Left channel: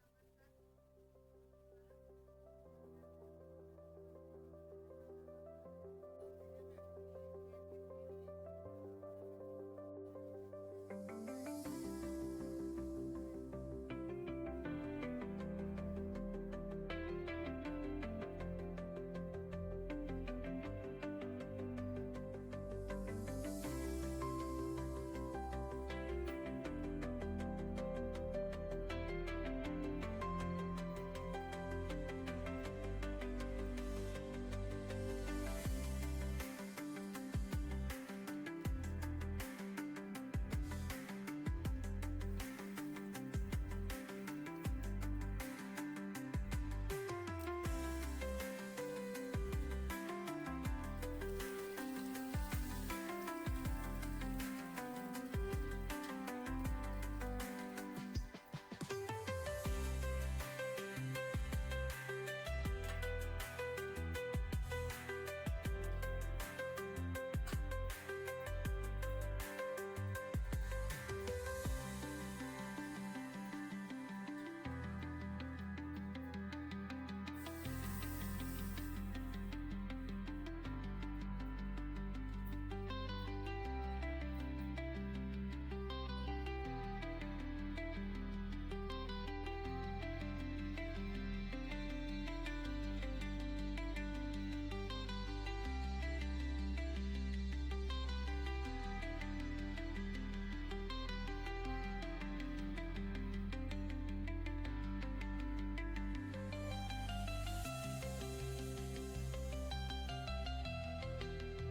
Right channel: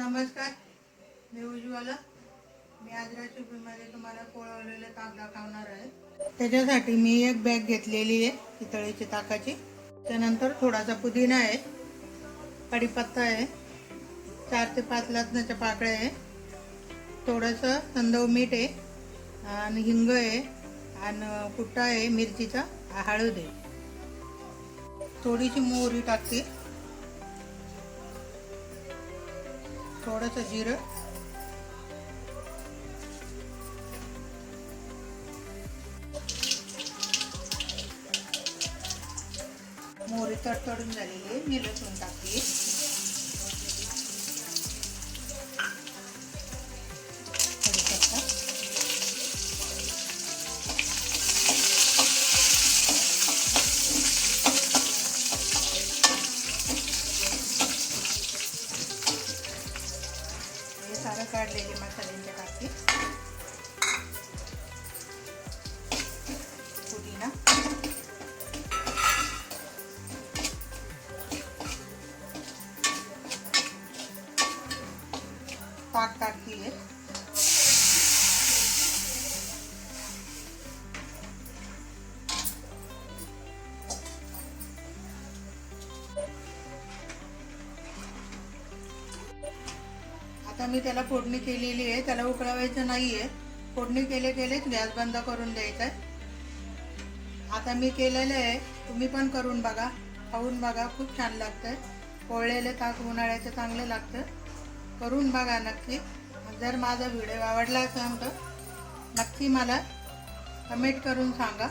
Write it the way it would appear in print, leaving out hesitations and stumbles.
नमस्कार, मी उज्ज्वला. मी आज रेसिपीमध्ये तुम्हाला कोळवलेले ताक दाखवणार आहे. त्याच्यासाठी मी एक बॅग घेतलेली आहे पितळेची ताकाची. त्यानंतर थोडासा पुदिना आहे, कढीपत्ता आहे, 4 ते 5 लसणाच्या पाकळ्या आहे, थोडंसं संदव मीठ आहे आणि हिंग आहे आणि कुट्टा आहे मिरचीचा, हळद आहे, थोडीशी मोहरी टाकते, थोडंसं जिरं, मोहरी तडतडून झालेली आहे, मी लसूण टाकते, कढीपत्ता, हे सारं काढलेले मसाल्यांच्या टाकते, पुदिना, ताक टाकली आहे, आता मी त्याला फोडणी केलेली आहे. त्याला उकळवायचं नाही आहे, फोडणी केलेच गॅस बंद करून द्यायचा आहे. आता मी केलेलं आहे, तुम्ही पण करून बघा, खाऊन बघा, खूप छान लागतं. कोळलेले ताक उन्हाळ्याचं चांगलं लागतं, करून बघा नक्की. जर माझा व्हिडिओ आवडला असेल तर नक्की मला कमेंट करून सांगा.